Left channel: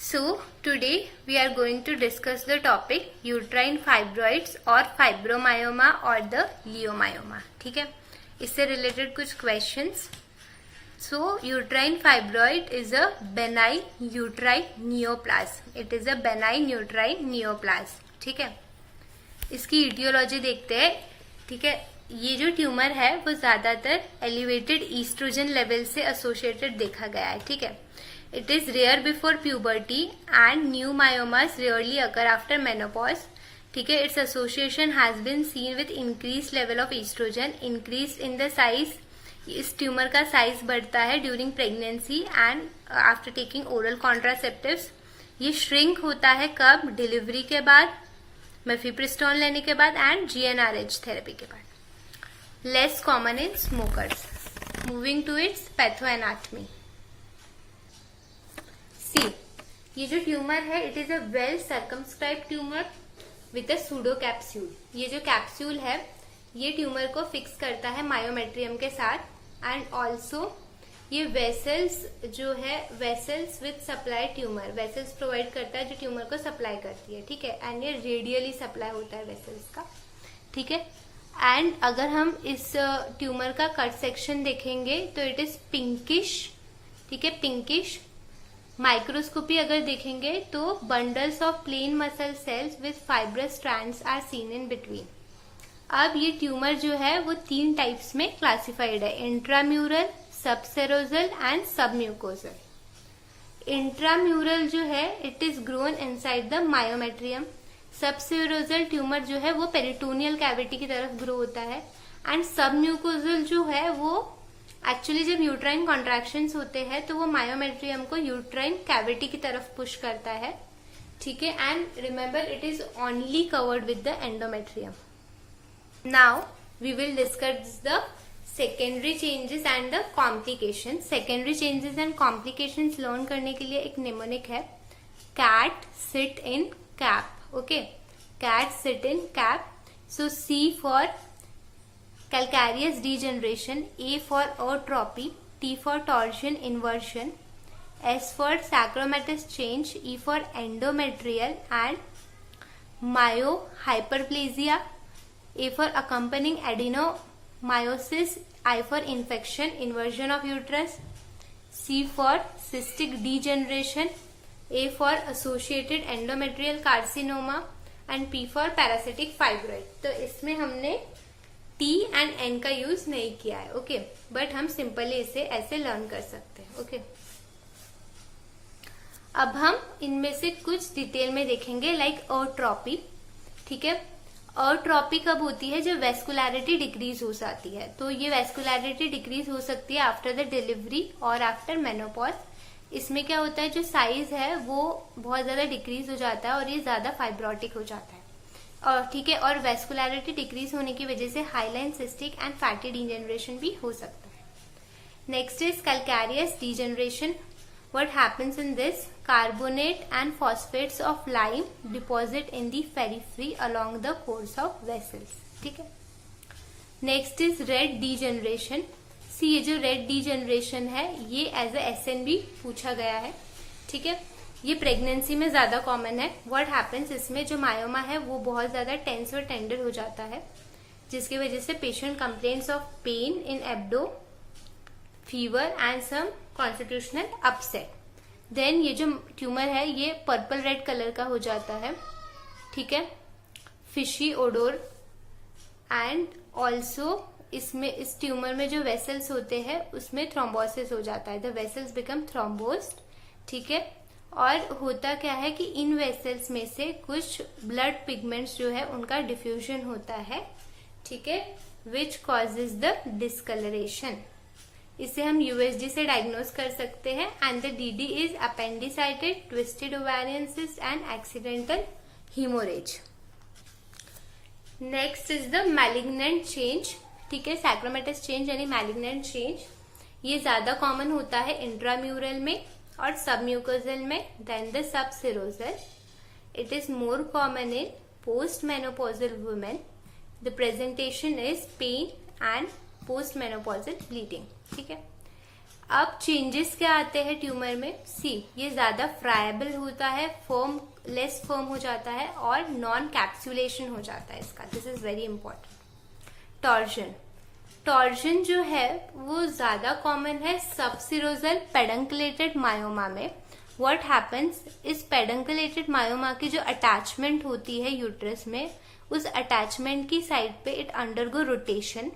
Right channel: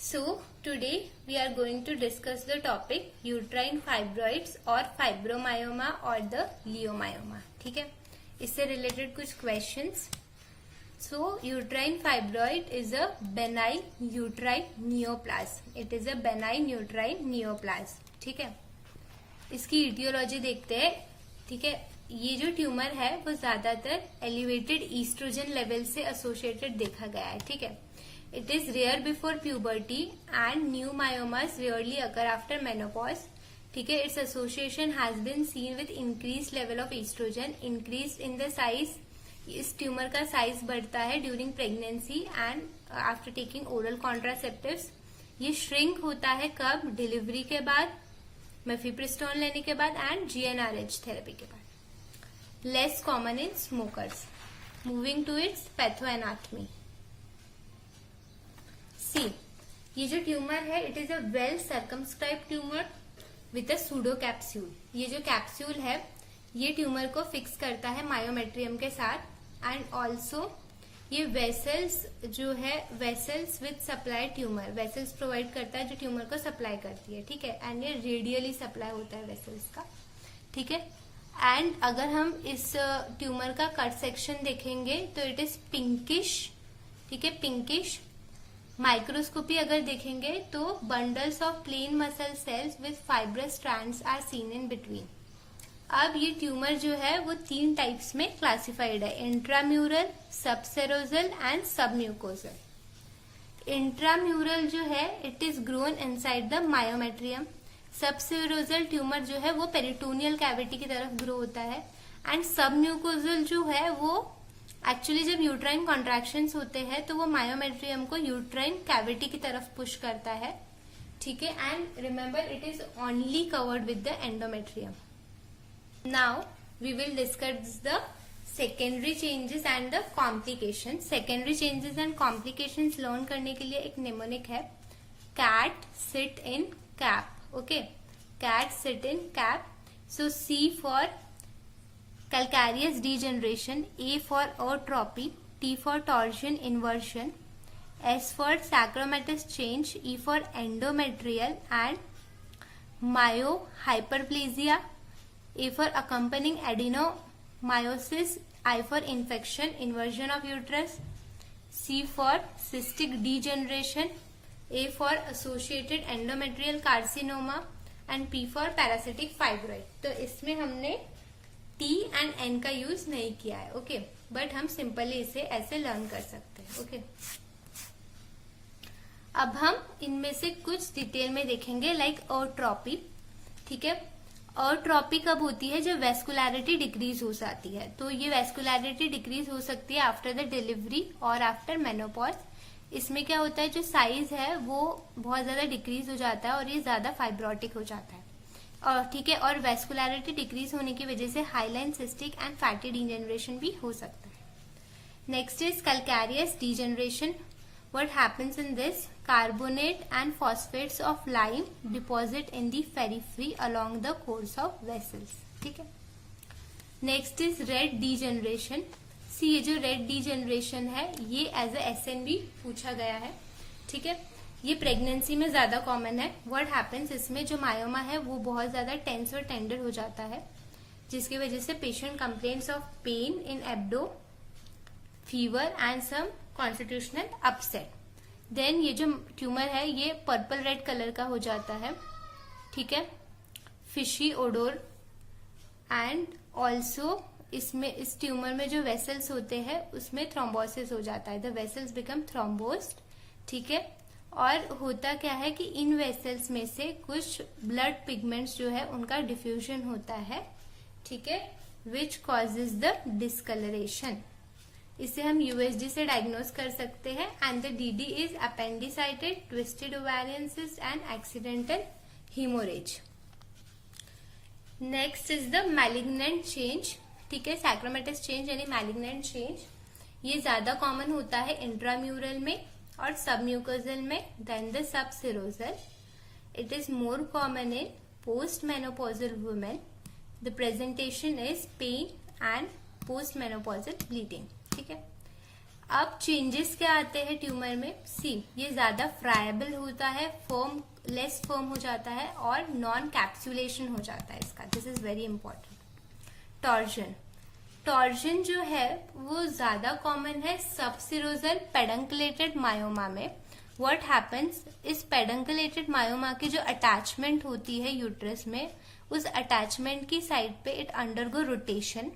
So today we are going to discuss the topic uterine fibroids और fibromyoma और the leiomyoma. ठीक है, इससे related कुछ questions. So uterine fibroid is a benign uterine neoplasm. It is a benign uterine neoplasm. ठीक है, इसकी etiology देखते हैं. ठीक है, ये जो ट्यूमर है वो ज्यादातर एलिवेटेड ईस्ट्रोजन लेवल से एसोसिएटेड देखा गया है. ठीक है, it is rare before puberty and new myomas rarely occur after menopause. ठीक है, its association has been seen with increased level of estrogen, increase in the size. इस ट्यूमर का साइज बढ़ता है during pregnancy and after taking oral contraceptives. ये shrink होता है कब? डिलीवरी के बाद, मेफिप्रिस्टोन लेने के बाद एंड जीएनआरएच थेरेपी के बाद. Less common in smokers. Moving to its pathoanatomy. See, ये जो ट्यूमर है it is a well circumscribed tumour with a pseudo capsule. ये जो कैप्सूल है ये ट्यूमर को फिक्स करता है मायोमेट्रियम के साथ एंड ऑल्सो ये वेसल्स जो है vessels with supply tumour vessels provide करता है जो ट्यूमर को सप्लाई करती है. ठीक है, एंड ये रेडियली सप्लाई होता है वेसल्स का. ठीक है, एंड अगर हम इस ट्यूमर का कट सेक्शन देखेंगे तो इट इज पिंकिश. ठीक है, पिंकिश. माइक्रोस्कोपी अगर देखेंगे तो bundles of plain muscle cells with fibrous strands are seen in between. अब ये ट्यूमर जो है वो 3 टाइप्स में क्लासिफाइड है: intramural, subserosal and submucosal. Intramural जो है it is grown inside the myometrium. Subserosal tumour जो है वो पेरिटोनियल कैविटी की तरफ ग्रो होता है एंड सबम्यूकोजल जो है वो एक्चुअली जब यूट्राइन कॉन्ट्रैक्शंस होते हैं तो वो मायोमेट्रियम को यूट्राइन कैविटी की तरफ पुश करता है. ठीक है, and remember it is only covered with the endometrium. Now we will discuss the secondary changes and the complications. Secondary changes and complications learn करने के लिए एक निमोनिक है, cat sit in cap. Okay, cat sit in cap. So C for calcareous degeneration, A for atrophy, T for torsion inversion, S for sacromatous change, E for endometrial and myohyperplasia, A for accompanying adenomyosis, I for infection, inversion of uterus, C for cystic degeneration, A for associated endometrial carcinoma and P for parasitic fibroid. तो इसमें हमने T and N का use नहीं किया है. Okay, but हम simply इसे ऐसे लर्न कर सकते हैं. ओके, अब हम इनमें से कुछ डिटेल में देखेंगे लाइक अट्रोपी. ठीक है, अट्रोपी कब होती है? जब वेस्कुलैरिटी डिक्रीज हो जाती है. तो ये वेस्कुलैरिटी डिक्रीज हो सकती है आफ्टर द डिलीवरी और आफ्टर मेनोपॉज. इसमें क्या होता है, जो साइज है वो बहुत ज्यादा डिक्रीज हो जाता है और ये ज्यादा फाइब्रोटिक हो जाता है. और ठीक है, और वेस्कुलैरिटी डिक्रीज होने की वजह से highline cystic and fatty degeneration भी हो सकता है. Next is calcareous degeneration. What happens in this? Carbonate and phosphates of lime deposit in the periphery along the course of vessels. ठीक है, नेक्स्ट इज रेड डीजेनरेशन. सी, ये जो red degeneration है ये एज ए SNB पूछा गया है. ठीक है, ये प्रेगनेंसी में ज्यादा कॉमन है. व्हाट हैपेंस, इसमें जो मायोमा है वो बहुत ज्यादा टेंस और टेंडर हो जाता है जिसकी वजह से patient complains of pain in abdo, fever and some constitutional upset. Then ये जो ट्यूमर है ये पर्पल रेड कलर का हो जाता है. ठीक है, फिशी ओडोर एंड ऑल्सो इसमें इस ट्यूमर में जो वेसल्स होते हैं उसमें थ्रोम्बोसिस हो जाता है. The vessels become thrombosed. ठीक है, और होता क्या है कि इन वेसल्स में से कुछ ब्लड पिगमेंट्स जो है उनका डिफ्यूजन होता है. ठीक है, विच कॉजेज द डिस्कलरेशन. इसे हम USG से डायग्नोज कर सकते हैं and the DD is appendicitis, twisted ovarian cyst and accidental haemorrhage. Next is the malignant change. ठीक है, सैक्रोमेटस चेंज यानी मैलिग्नेंट चेंज. ये ज्यादा कॉमन होता है इंट्राम्यूरल में और सबम्यूकोजल में then the subserosal. It is more common in post menopausal women. The presentation is pain and post menopausal bleeding. ठीक है, अब चेंजेस क्या आते हैं ट्यूमर में? सी, ये ज्यादा फ्राइबल होता है, फर्म, लेस फर्म हो जाता है और नॉन कैप्सुलेशन हो जाता है इसका। This is very important. Torsion, torsion जो है वो ज्यादा कॉमन है सबसिरोजल पेडंकुलेटेड मायोमा में। व्हाट हैपेंस, इस पेडंकुलेटेड मायोमा की जो अटैचमेंट होती है यूट्रस में, उस अटैचमेंट की साइड पे इट अंडरगो रोटेशन,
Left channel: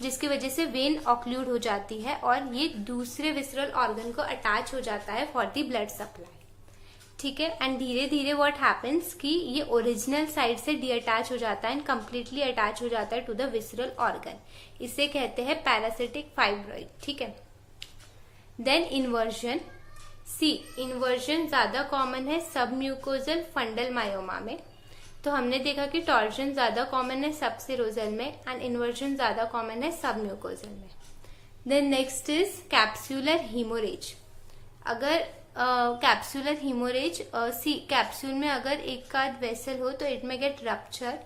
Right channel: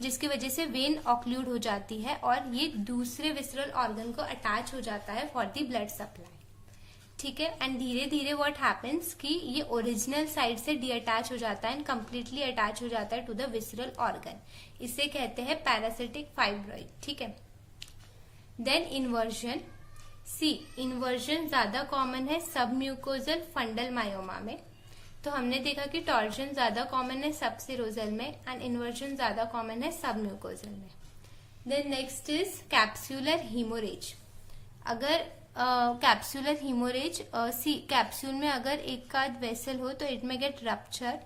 जिसकी वजह से वेन ऑक्लूड हो जाती है और ये दूसरे विसरल ऑर्गन को अटैच हो जाता है फॉर द ब्लड सप्लाई। ठीक है, एंड धीरे धीरे व्हाट हैपेंस कि ये ओरिजिनल साइड से डीअटैच हो जाता है एंड कंप्लीटली अटैच हो जाता है टू द विसरल ऑर्गन। इसे कहते हैं पैरासिटिक फाइब्रॉइड। ठीक है, देन इन्वर्जन। सी, इन्वर्जन ज्यादा कॉमन है सब म्यूकोजल फंडल मायोमा में। तो हमने देखा कि टॉर्जन ज्यादा कॉमन है सबसिरोजल में एंड इन्वर्जन ज्यादा कॉमन है सब म्यूकोजल में। Then next is capsular haemorrhage. अगर कैप्सुलर हीमोरेज, सी, कैप्सूल में अगर एक का वेसल हो तो इट में गेट रप्चर।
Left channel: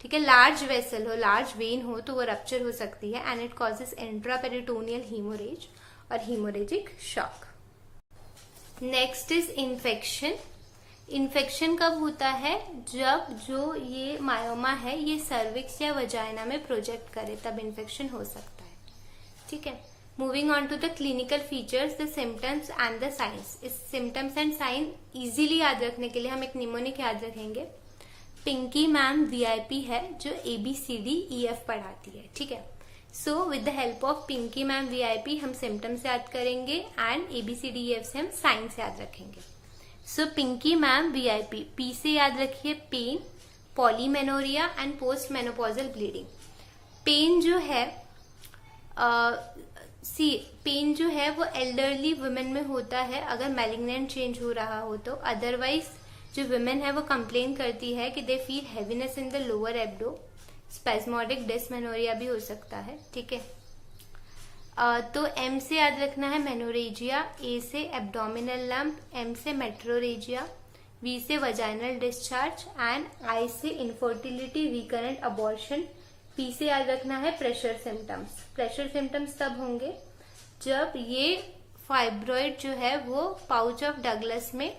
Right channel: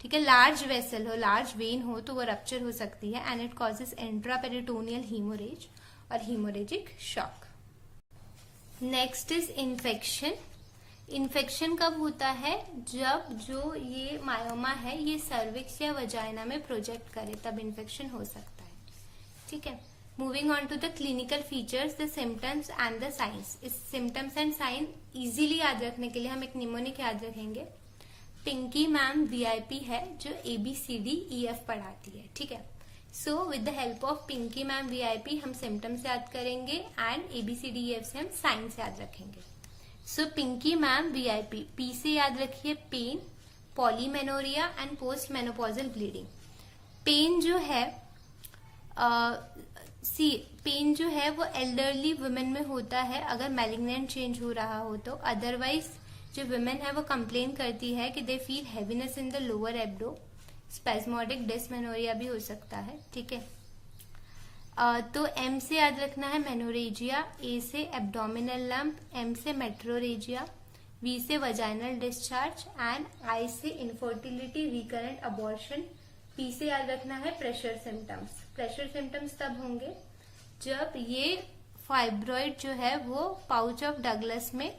ठीक है, लार्ज वेसल हो, लार्ज वेन हो तो वो रप्चर हो सकती है and it causes intraperitoneal haemorrhage और haemorrhagic shock. Next is infection. Infection कब होता है? जब जो ये मायोमा है ये सर्विक्स या वजाइना में प्रोजेक्ट करे, तब इन्फेक्शन हो सकता है। ठीक है, moving on to the clinical features, the symptoms and the signs. इस सिम्टम्स एंड साइन इजीली याद रखने के लिए हम एक निमोनिक याद रखेंगे। पिंकी मैम वीआईपी है जो ABCDEF पढ़ाती है। ठीक है, so with the help of Pinky ma'am VIP हम सिम्टम्स याद करेंगे एंड ABCDEF से हम साइंस याद रखेंगे। So Pinky ma'am VIP, P से याद रखिए pain, polymenorrhoea and post menopausal bleeding. Pain जो है सी, पेन जो है वो एल्डरली वुमेन में होता है अगर मैलिग्नेंट चेंज हो रहा हो तो। अदरवाइज जो वुमेन है वो कंप्लेन करती है कि they feel heaviness in the lower abdo, spasmodic dysmenorrhoea भी हो सकता है। ठीक है, तो एम से याद रखना है मेनोरेजिया, ए से एब्डोमिनल लंप, एम से मेट्रोरेजिया, वी से वजाइनल डिस्चार्ज एंड आई से इनफर्टिलिटी, रिकरेंट अबॉर्शन। पी से याद रखना है प्रेशर सिम्टम्स। प्रेशर सिम्टम्स तब होंगे जब ये फाइब्रॉइड जो है वो पाउच ऑफ डगलस में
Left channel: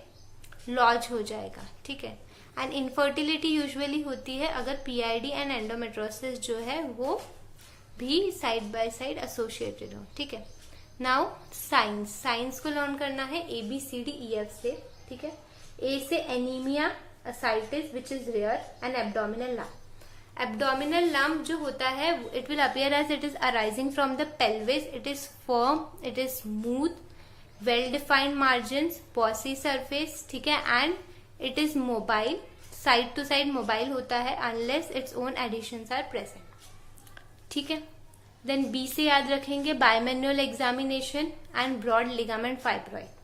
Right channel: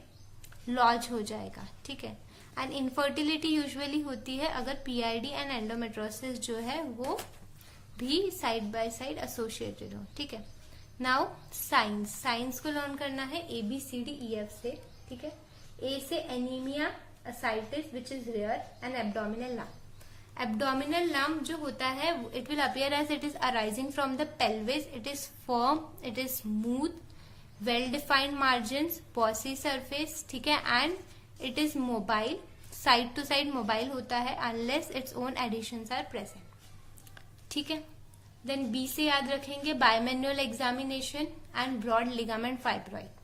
लॉज हो जाएगा। ठीक है, एंड इनफर्टिलिटी यूजुअली होती है अगर PID एंड एंडोमेट्रोसिस जो है वो भी साइड बाय साइड एसोसिएटेड हो। ठीक है, नाउ साइंस। साइंस को लर्न करना है ABCDEF से। ठीक है, ए से anaemia, ascites which is rare and abdominal lump. Abdominal lump जो होता है it will appear as it is arising from the pelvis, it is firm, it is smooth, well defined margins, bossy surface. ठीक है, and it is mobile, side to side mobile होता है unless its own adhesions are present. ठीक है, then B से याद रखेंगे bimanual examination and broad ligament fibroid.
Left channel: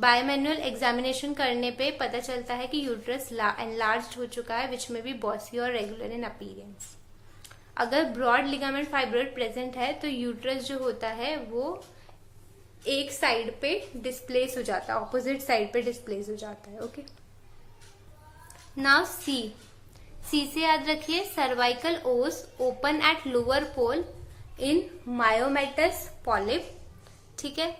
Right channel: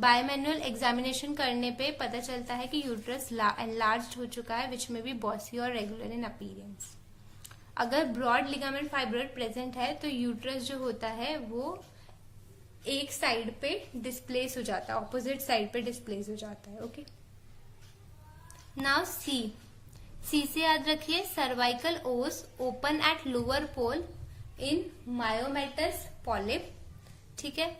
Bimanual examination करने पे पता चलता है कि यूट्रस एनलार्ज्ड हो चुका है विच में बी बॉसी और रेगुलर इन अपीयरेंस। अगर ब्रॉड लिगामेंट फाइब्रॉइड प्रेजेंट है तो यूट्रस जो होता है वो एक साइड पे डिस्प्लेस हो जाता है, ऑपोजिट साइड पे डिस्प्लेस हो जाता है। Okay, now see. सी से याद रखिए cervical os open at lower pole in myomatous polyp. ठीक है,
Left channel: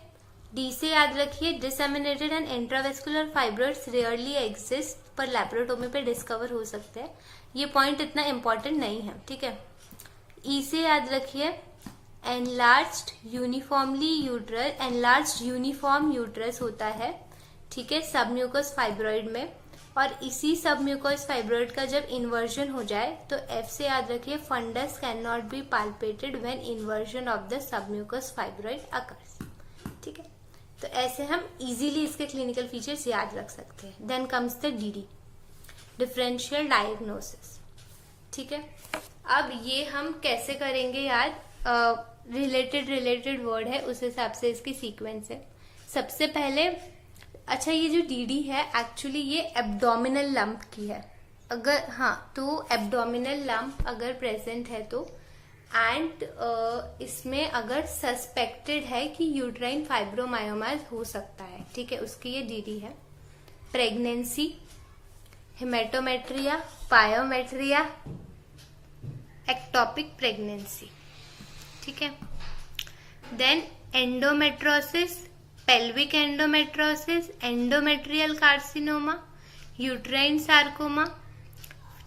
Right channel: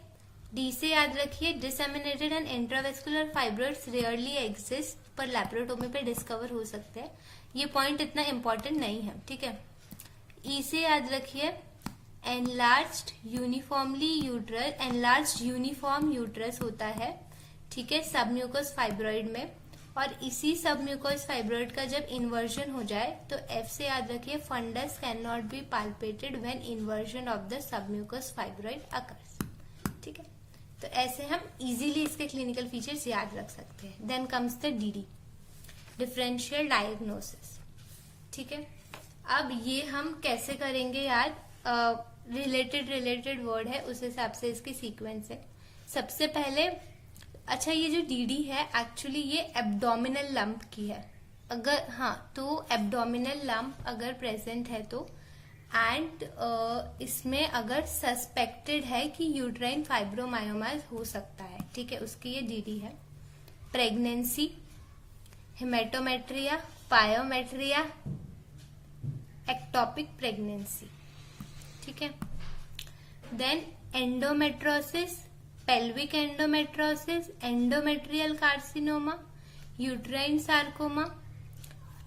डी से याद रखिए disseminated and intravascular fibroids rarely exist पर लैप्रोटोमी पे डिस्कवर हो सकते हैं। ये पॉइंट इतना इंपॉर्टेंट नहीं है। ठीक है, ई से याद रखिए enlarged uniformly uterus, enlarged uniform uterus होता है। ठीक है, सबम्यूकस फाइब्रॉइड में, और इसी सबम्यूकस फाइब्रॉइड का जब इन्वर्जन हो जाए तो एफ से याद रखिए fundus can not be palpated when inversion of the submucous fibroid occurs. ठीक है, तो ऐसे हम इजीली इसके क्लिनिकल फीचर्स याद रख सकते हैं। Then comes the DD, differential diagnosis. ठीक है, अब ये हम कैसे करेंगे याद? रिलेटेड वर्ड है उस हिसाब से इसकी सीक्वेंस है। सबसे पहले, अच्छा ये जो DD है एक्चुअली ये एब्डोमिनल लंप की है। अगर हाँ, तो एब्डोमिनल लंप अगर प्रेजेंट है तो, एंड इसमें अगर सस्पेक्टेड है कि यूट्राइन फाइब्रोमायोमाज हो सकता है। ठीक है, उसकी ये DD है। Pregnancy, haematometra, pyometra, ectopic pregnancy. ठीक है, then endometriosis, pelvic endometriosis, endometrial carcinoma, uterine sarcoma,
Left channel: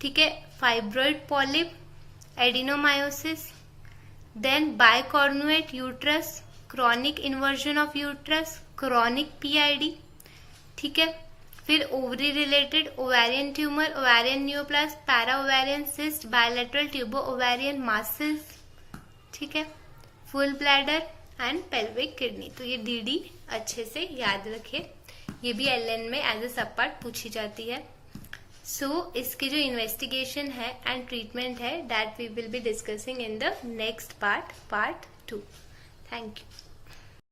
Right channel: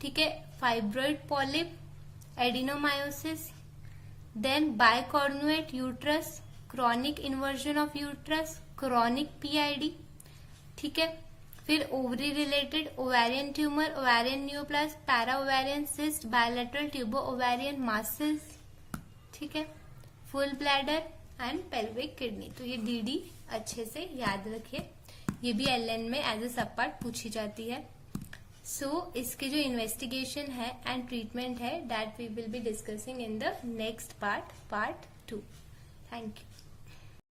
ठीक है, fibroid polyp, adenomyosis, then bicornuate uterus, chronic inversion of uterus, chronic PID, ठीक है, फिर ovary related ovarian tumour, ovarian neoplasm, para ovarian cyst, bilateral tubo ovarian masses, ठीक है, full bladder and pelvic kidney. तो ये DD अच्छे से याद रखे, ये भी एलएन में एज ए सब पार्ट पूछी जाती है। सो इसकी जो इन्वेस्टिगेशन है एंड ट्रीटमेंट है that we will be discussing in the next part 2। Thank you.